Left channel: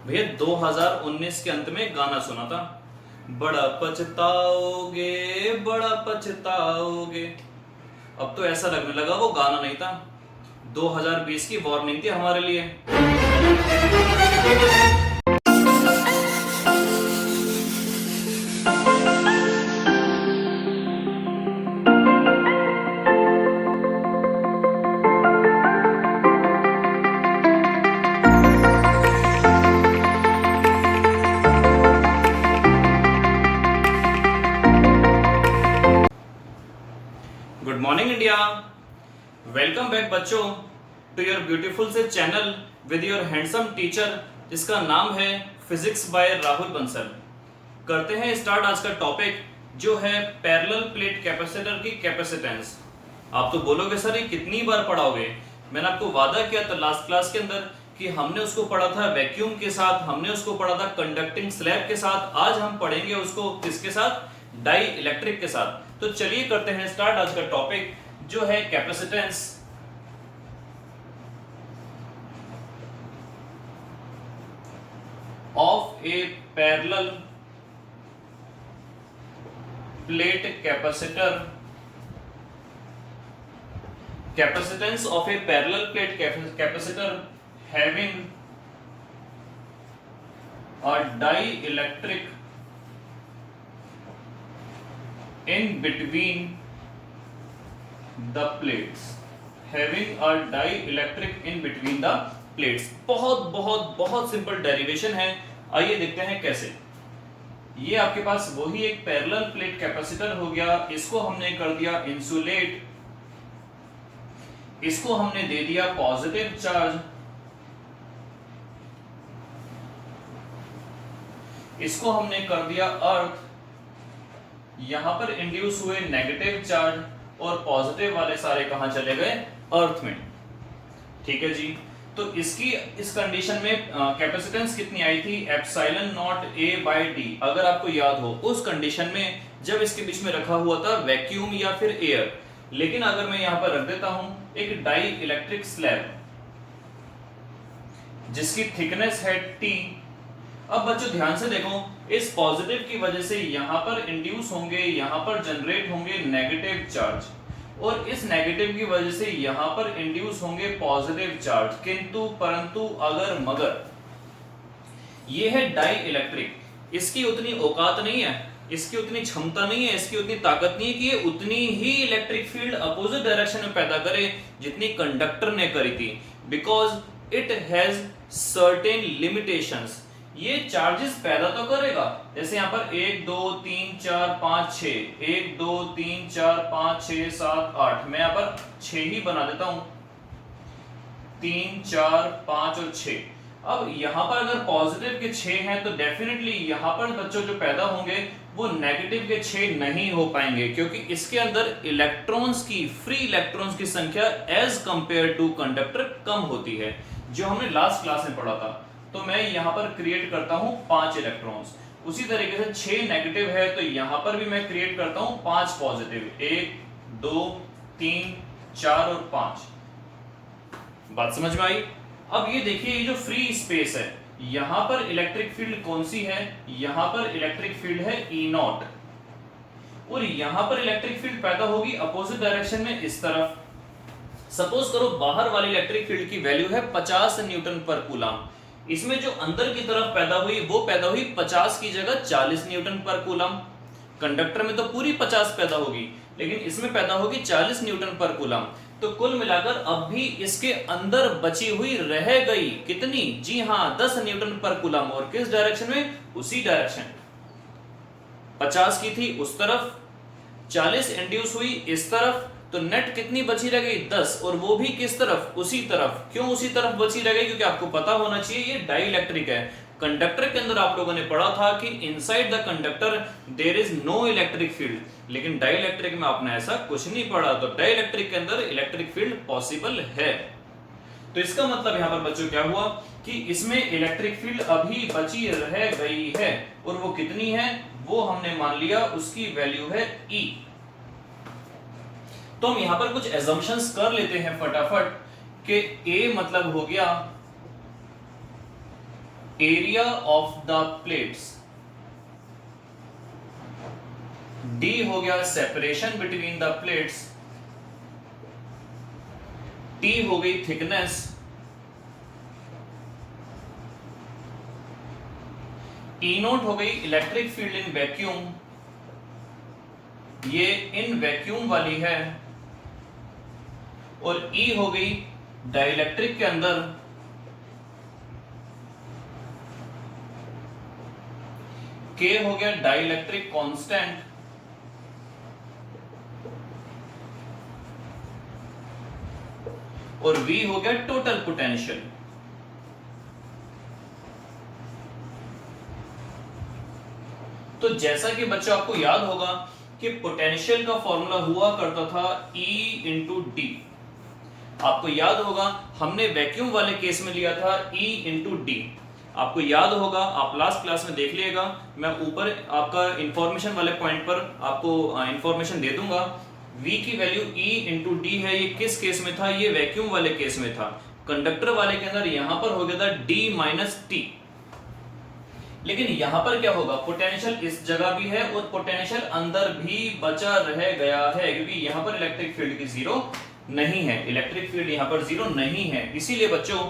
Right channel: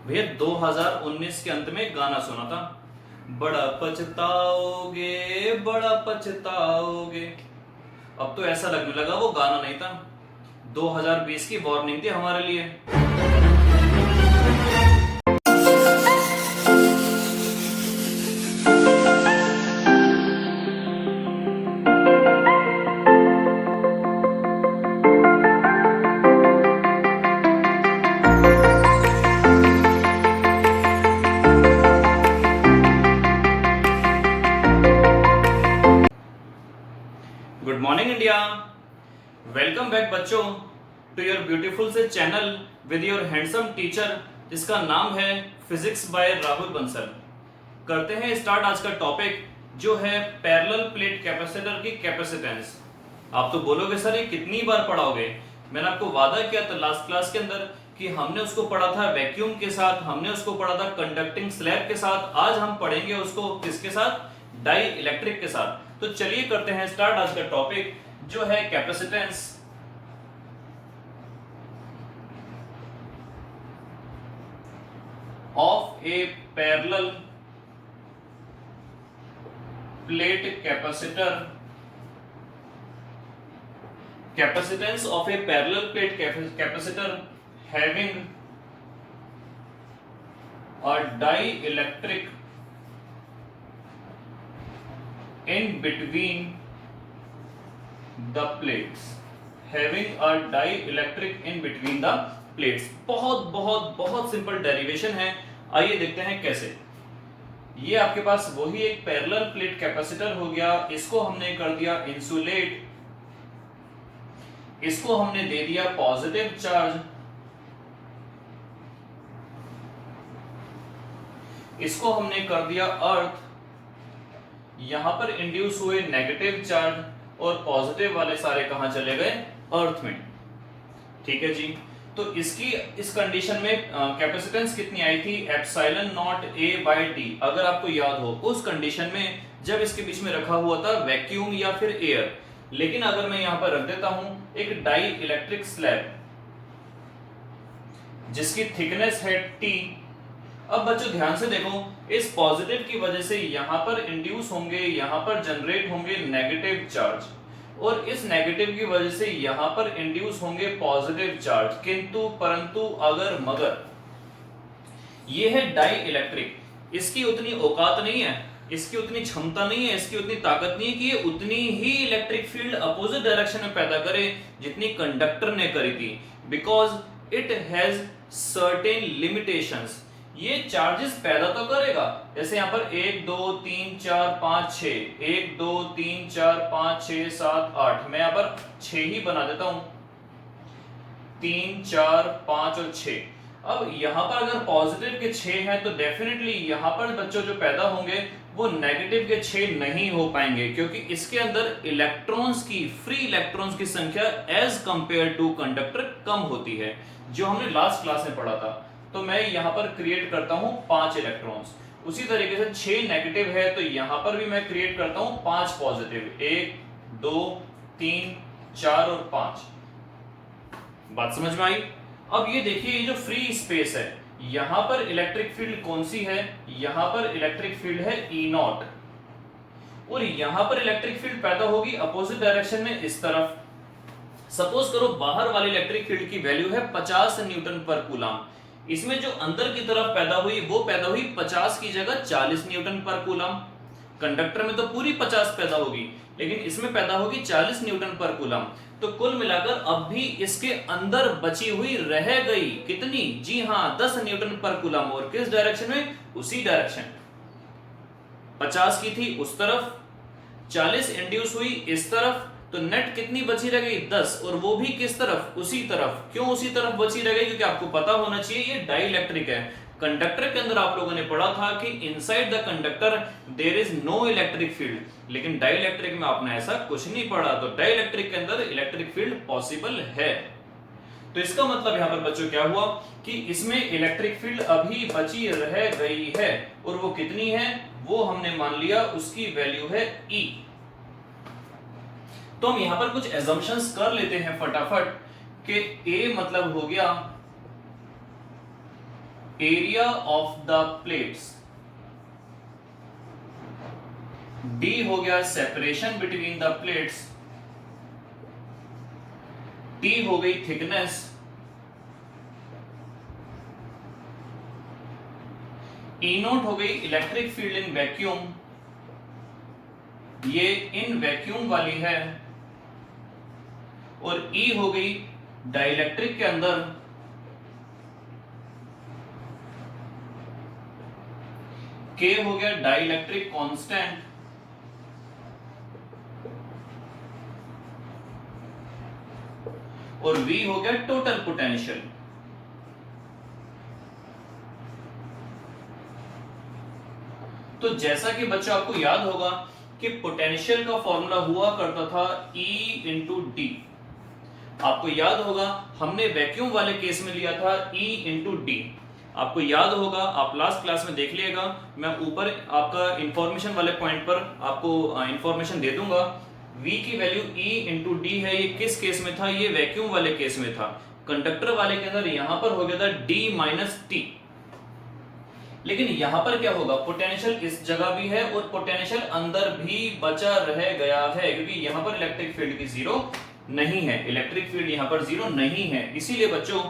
भैया 2019 के अंत में गाना सुना था, बड़ा पछताओगे बड़ा पछताओगे। अब तो ऐसा लगने लगा वो गाना नहीं था, 2020 की वार्निंग थी हमारे लिए। Good morning India, welcome back बच्चों टू योर ब्यूटीफुल से channel with your handsome teacher जिसका नाम है फिजिक्स बाय राहुल बंसल। करते हैं स्टार्ट आज का टॉपिक जो है पैरेलल प्लेट कैपेसिटर की कैपेसिटेंस। आप तो बोलोगे सर ये कितनी बार पढ़ाओगे। मैंने आपको वादा किया था लास्ट क्लास के अंदर कि हमने उसको पढ़ा था वैक्यूम के साथ, हमने उसको पढ़ा था कंडक्टिंग स्लैब के साथ। आज हम पढ़ेंगे उसको किसके साथ? डाई इलेक्ट्रिक के साथ। तो चलिए करते हैं स्टार्ट आज का टॉपिक जो है capacitance of a parallel plate capacitor. Capacitance of a parallel plate capacitor having a dielectric in between the plates, having a dielectric in between the plates। बहुत बहुत बहुत सिंपल डेरिवेशन है, आइए देखते हैं कैसे। ये आपके पास वही एक पैरेलल प्लेट कैपेसिटर हो गया, इसको हमने कर दिया इंसुलेट, इसको हमने दे दिया पॉजिटिव चार्ज, इसको हमने कर दिया अर्थ, यहां पर इंड्यूस हुए नेगेटिव चार्ज और पॉजिटिव वाले सारे कहां चले गए? अर्थ में। ठीक है जी। तो इसकी इस कंडीशन में कैपेसिटेंस कितनी आई थी? Epsilon naught A by D. अगर आपको याद हो उस कंडीशन में जब इसके बीच में रखा हुआ था वैक्यूम या फिर एयर। लेकिन अगर मैं यहां पर रख देता हूं एक डाई इलेक्ट्रिक स्लैब जिसकी थिकनेस है टी। अब बच्चों ध्यान से देखो, इस पॉजिटिव की वजह से यहां पर इंड्यूस होंगे, यहां पर जनरेट होंगे नेगेटिव चार्ज, और इस नेगेटिव की वजह से यहां पर इंड्यूस होंगे पॉजिटिव चार्ज। किंतु परंतु अगर मगर ये है डाई इलेक्ट्रिक, इसकी उतनी औकात नहीं है, इसकी उतनी क्षमता नहीं है, इसकी उतनी ताकत नहीं है कि ये उतनी ही इलेक्ट्रिक फील्ड अपोजिट डायरेक्शन में पैदा करे जितनी कंडक्टर ने करी थी। Because it has certain limitations. ये चार्जेस पैदा तो करेगा, जैसे यहां पर 1 2 3 4 5 6, 1 2 3 4 5 6 7 8, मैं यहां पर 6 ही बना देता हूं, 3 4 5 और 6। अब यहां पर अगर पॉजिटिव के 6 हैं तो डेफिनेटली यहां पर बच्चों जो पैदा होंगे वो नेगेटिव के 6 नहीं हो पाएंगे, क्योंकि इसके अंदर इलेक्ट्रॉन्स की, फ्री इलेक्ट्रॉन्स की संख्या एज कंपेयर टू कंडक्टर कम होती है, जो हमने लास्ट क्लास में पढ़ा था। तो मैं यहां पर क्रिएट करता हूं 5 इलेक्ट्रॉन्स। उसी तरीके से 6 नेगेटिव है तो यहां पर भी मैं क्रिएट करता हूं 5 पॉजिटिव, 1 2 3 4 और 5। बात समझ में आई? अब ये देखिए, ये जो फ्री स्पेस है यहां पर इलेक्ट्रिक फील्ड कौन सी है? यहां पर इलेक्ट्रिक फील्ड है E0, और यहां पर इलेक्ट्रिक फील्ड पैदा होगी अपोजिट डायरेक्शन में इस तरफ। सपोज करो बाहर वाली इलेक्ट्रिक फील्ड की वैल्यू है 50 न्यूटन पर कूलम। इसमें जो अंदर की तरफ पैदा हुई वो पैदा हुई 50 की जगह 40 न्यूटन पर कूलम। कंडक्टर में तो पूरी 50 पैदा होगी, लेकिन इसमें पैदा होगी 40 न्यूटन पर कूलम। तो कुल मिलाकर अब भी इसके अंदर बची हुई रह गई कितनी? जी हां, 10 न्यूटन पर कूलम। और किस डायरेक्शन में? उसी डायरेक्शन। 50 की थी उस तरफ, 40 इंड्यूस हुई इस तरफ, तो नेट कितनी बची रह गई? 10, और वो भी किस तरफ? उसी तरफ। क्यों उसी तरफ बची रह गई? क्योंकि आपको पता होना चाहिए ये डाई इलेक्ट्रिक है। कंडक्टर के अंदर आप लोगों ने पढ़ा था कि inside the conductor there is no electric field, लेकिन डाई इलेक्ट्रिक में आपने ऐसा कुछ नहीं पढ़ा। तो डाई इलेक्ट्रिक के अंदर इलेक्ट्रिक फील्ड पॉसिबल है। तो इसका मतलब यहां पर बच्चों क्या हुआ कि इसमें इलेक्ट्रिक फील्ड अभी बची रह गई है, और वो कितनी है? वो हमने मान लिया उसकी वैल्यू है E। तो हम यहां पर कुछ एजम्पशंस कर लेते हैं फटाफट कि A मतलब हो गया area of the plates, D हो गया separation between the plates, T हो गई थिकनेस, ई नोट हो गई इलेक्ट्रिक फील्ड इन वैक्यूम, ये इन वैक्यूम वाली है, और ई हो गई डाइलेक्ट्रिक के अंदर, के हो गया डाइलेक्ट्रिक कांस्टेंट, और V हो गया टोटल पोटेंशियल। तो जैसा कि बच्चों आपको याद होगा कि पोटेंशियल का फॉर्मूला हुआ करता था E इंटू डी। आपको याद होगा हमने वैक्यूम वाले केस में लिया था E इंटू डी। आपको याद होगा, आप लास्ट क्लास में देख लीजिएगा, मैं ऊपर आपका इंफॉर्मेशन वाले पॉइंट पर आपको इंफॉर्मेशन दे दूंगा। V की वैल्यू E इंटू डी है, ये किस केस में था? ये वैक्यूम वाले केस में था। कंडक्टर वाले के अंदर यहां पर हो गया था D माइनस टी, लेकिन यहां पर क्या होगा, पोटेंशियल इस जगह भी है और पोटेंशियल अंदर भी बचा रह गया है, क्योंकि यहां पर इलेक्ट्रिक फील्ड की जीरो नहीं है, इलेक्ट्रिक फील्ड यहां पर जीरो नहीं है। इसीलिए बच्चों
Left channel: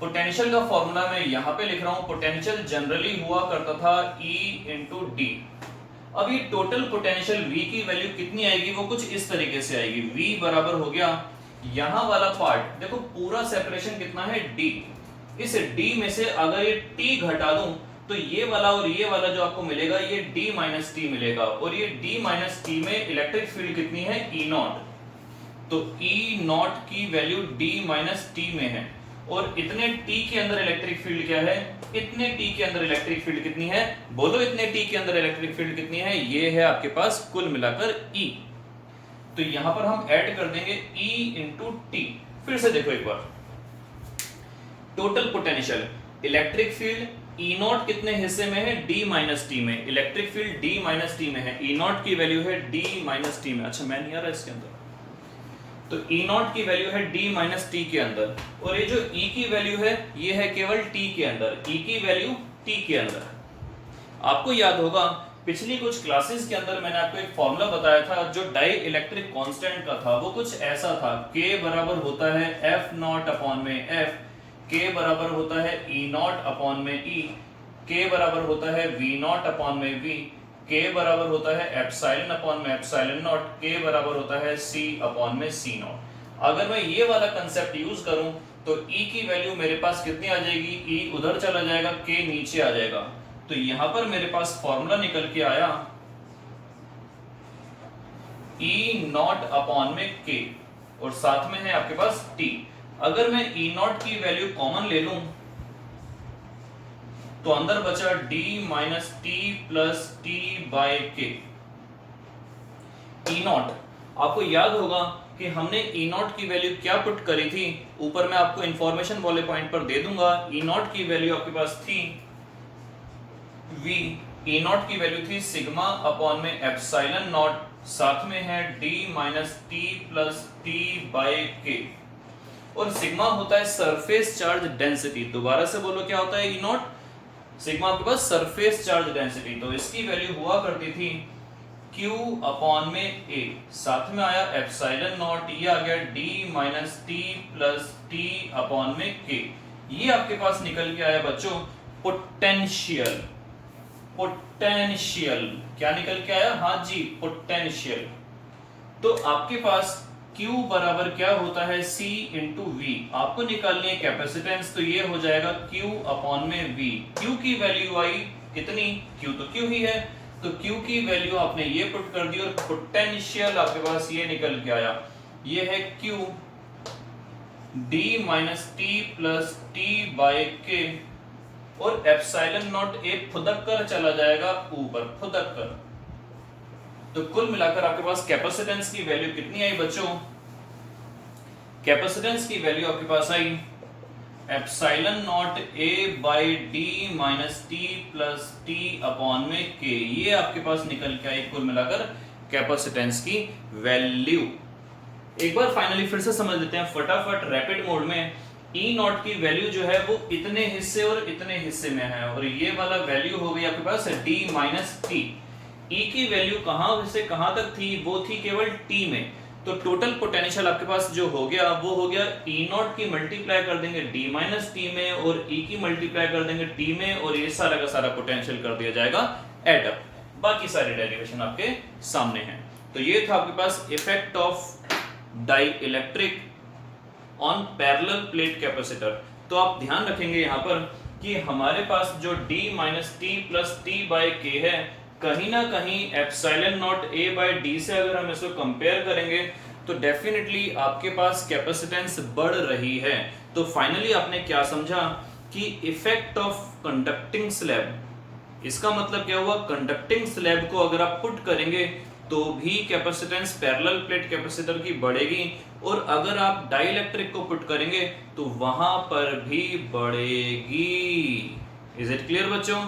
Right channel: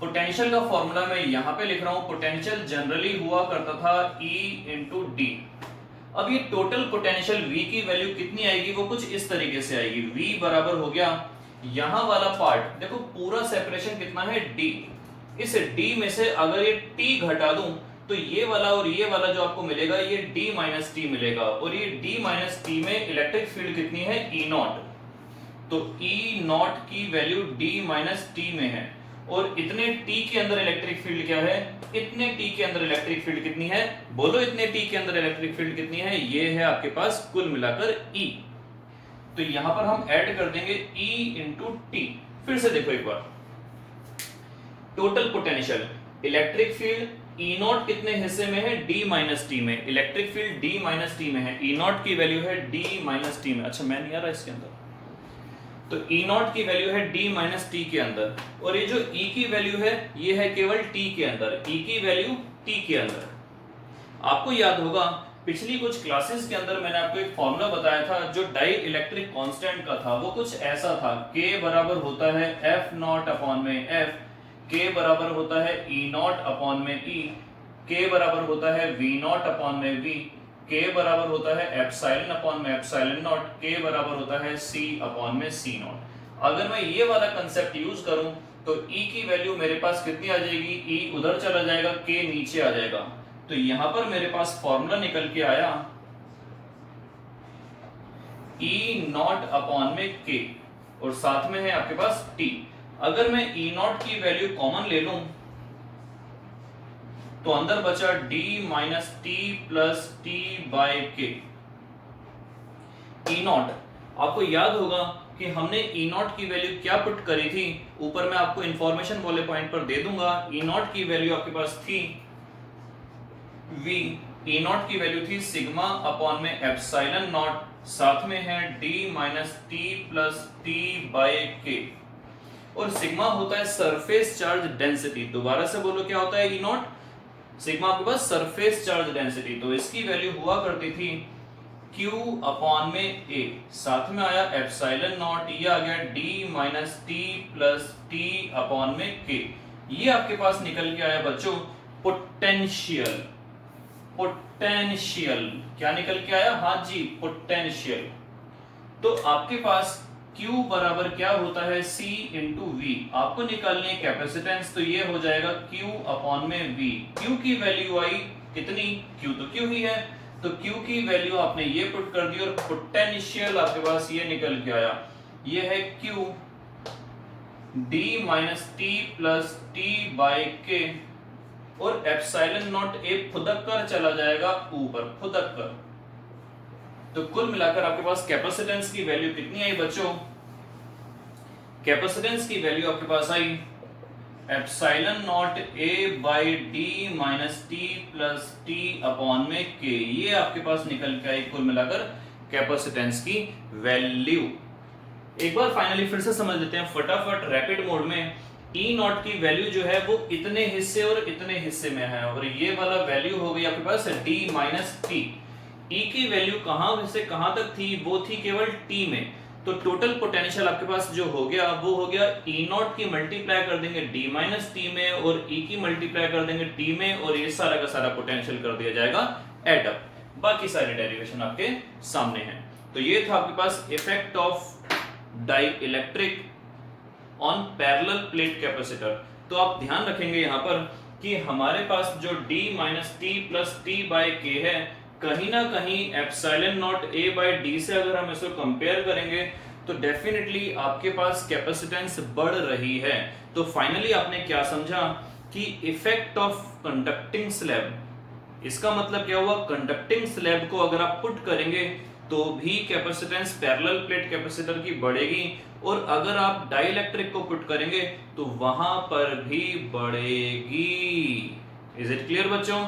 पोटेंशियल का फॉर्मूला मैं यहां पे लिख रहा हूं, पोटेंशियल जनरली हुआ करता था E इंटू डी। अब ये टोटल पोटेंशियल V की वैल्यू कितनी आएगी, वो कुछ इस तरीके से आएगी। V बराबर हो गया यहां वाला पार्ट, देखो पूरा सेपरेशन कितना है D, इस D में से अगर ये T घटा दूं तो ये वाला और ये वाला जो आपको मिलेगा ये D माइनस टी मिलेगा, और ये D माइनस टी में इलेक्ट्रिक फील्ड कितनी है, E नॉट। तो E नॉट की वैल्यू D माइनस टी में है, और इतने T के अंदर इलेक्ट्रिक फील्ड क्या है, इतने T के अंदर इलेक्ट्रिक फील्ड कितनी है, बोलो इतने T के अंदर इलेक्ट्रिक फील्ड कितनी है, ये है आपके पास कुल मिलाकर E। तो यहां पर हम ऐड कर देंगे E इंटू टी। फिर से देखो एक बार, total potential electric field E naught कितने हिस्से में है, D माइनस टी में, electric field D minus T में है, E नॉट की वैल्यू है D माइनस टी में। अच्छा मैं नहीं आ रहा इसके अंदर, तो E नॉट की वैल्यू है D माइनस टी के अंदर, और ये जो E की वैल्यू है ये है केवल T के अंदर, E की वैल्यू T के अंदर। आपको याद होगा पिछली कुछ क्लासेस के अंदर मैंने आपको एक फॉर्मूला बताया था जो डाई इलेक्ट्रिक कांस्टेंट का था, वो कुछ ऐसा था, K बराबर होता है F नॉट अपॉन में F, K बराबर होता है E नॉट अपॉन में E, K बराबर होता है V नॉट अपॉन में V, K बराबर होता है एप्सिलॉन अपॉन में एप्सिलॉन नॉट, K बराबर होता है C अपॉन में C नॉट। अगर मैं ये वाला कंसेप्ट यूज करूं तो E की वैल्यू मेरे पास कितनी आ जाएगी, E उधर चला जाएगा, K नीचे आ जाएगा। तो यहां पर मेरे पास फॉर्मूला निकल के आया E नॉट अपॉन में K, और साथ में है आपके पास T। अगर मैं E नॉट की वैल्यू कॉमन ले लूं तो अंदर बचा D minus T plus t by K. E naught आपको याद होगा कि हमने E नॉट की वैल्यू क्या पुट करी थी, ऊपर मैं आपको इंफॉर्मेशन वाले पॉइंट पर दे दूंगा। E नॉट की वैल्यू आपके पास थी V, E नॉट की वैल्यू थी सिग्मा अपॉन में एप्सिलॉन नॉट, साथ में है D minus T plus t by K, और सिग्मा होता है सरफेस चार्ज डेंसिटी। दोबारा से बोलो क्या होता है E नॉट, सिग्मा आपके पास सरफेस चार्ज डेंसिटी। तो इसकी वैल्यू हुआ करती थी Q अपॉन में A, साथ में आया एप्सिलॉन नॉट, ये आ गया D minus T plus T upon में K। ये आपके पास निकल के आया बच्चों पोटेंशियल। पोटेंशियल क्या निकल के आया, हाँ जी पोटेंशियल। तो आपके पास Q बराबर क्या होता है, C इंटू V। आपको निकालनी है कैपेसिटेंस, तो ये हो जाएगा Q अपॉन में V। Q की वैल्यू आई कितनी, Q तो Q ही है, तो Q की वैल्यू आपने ये पुट कर दी, और पोटेंशियल आपके पास ये निकल के आया, ये है Q D minus T plus t by K, और एप्सिलॉन नॉट A फुदक कर चला जाएगा ऊपर, फुदक कर। तो कुल मिलाकर आपके पास कैपेसिटेंस की वैल्यू कितनी आई बच्चों, कैपेसिटेंस की वैल्यू आपके पास आई epsilon naught A by D minus T plus T upon में K। ये आपके पास निकल के आई कुल मिलाकर कैपेसिटेंस की वैल्यू। एक बार फाइनली फिर से समझ लेते हैं फटाफट रैपिड मोड में। ई नॉट की वैल्यू जो है वो इतने हिस्से और इतने हिस्से में है, और ये वाला वैल्यू हो गई आपके पास डी माइनस टी। ई की वैल्यू कहां से कहां तक थी, वो थी केवल टी में। तो टोटल पोटेंशियल आपके पास जो हो गया वो हो गया ई नॉट की मल्टीप्लाई कर देंगे डी माइनस टी में, और ई की मल्टीप्लाई कर देंगे टी में, और ये सारा का सारा पोटेंशियल कर दिया जाएगा एड अप। बाकी सारे डेरिवेशन आपके सामने हैं। तो ये था आपके पास effect of dielectric on parallel plate capacitor. तो आप ध्यान रखेंगे यहाँ पर कि हमारे पास जो d minus T plus T by के है, कहीं ना कहीं epsilon naught a by D से अगर हम इसको कंपेयर करेंगे तो डेफिनेटली आपके पास कैपेसिटेंस बढ़ रही है। तो फाइनली आपने क्या समझा कि इफेक्ट ऑफ कंडक्टिंग स्लैब, इसका मतलब क्या हुआ, कंडक्टिंग स्लैब को अगर आप पुट करेंगे तो भी कैपेसिटेंस पैरेलल प्लेट कैपेसिटर की बढ़ेगी, और अगर आप डाइइलेक्ट्रिक को पुट करेंगे तो वहां पर भी बढ़ेगी। इज इट क्लियर बच्चों?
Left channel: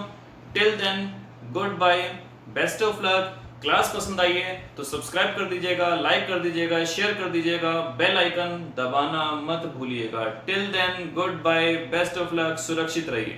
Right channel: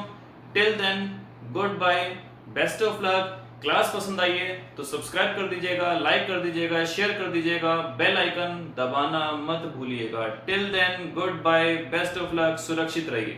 Till then good bye, best of luck. Class पसंद आई है तो सब्सक्राइब कर दीजिएगा, लाइक कर दीजिएगा, शेयर कर दीजिएगा, बेल आइकन दबाना मत भूलिएगा। Till then good bye, best of luck, सुरक्षित रहिए।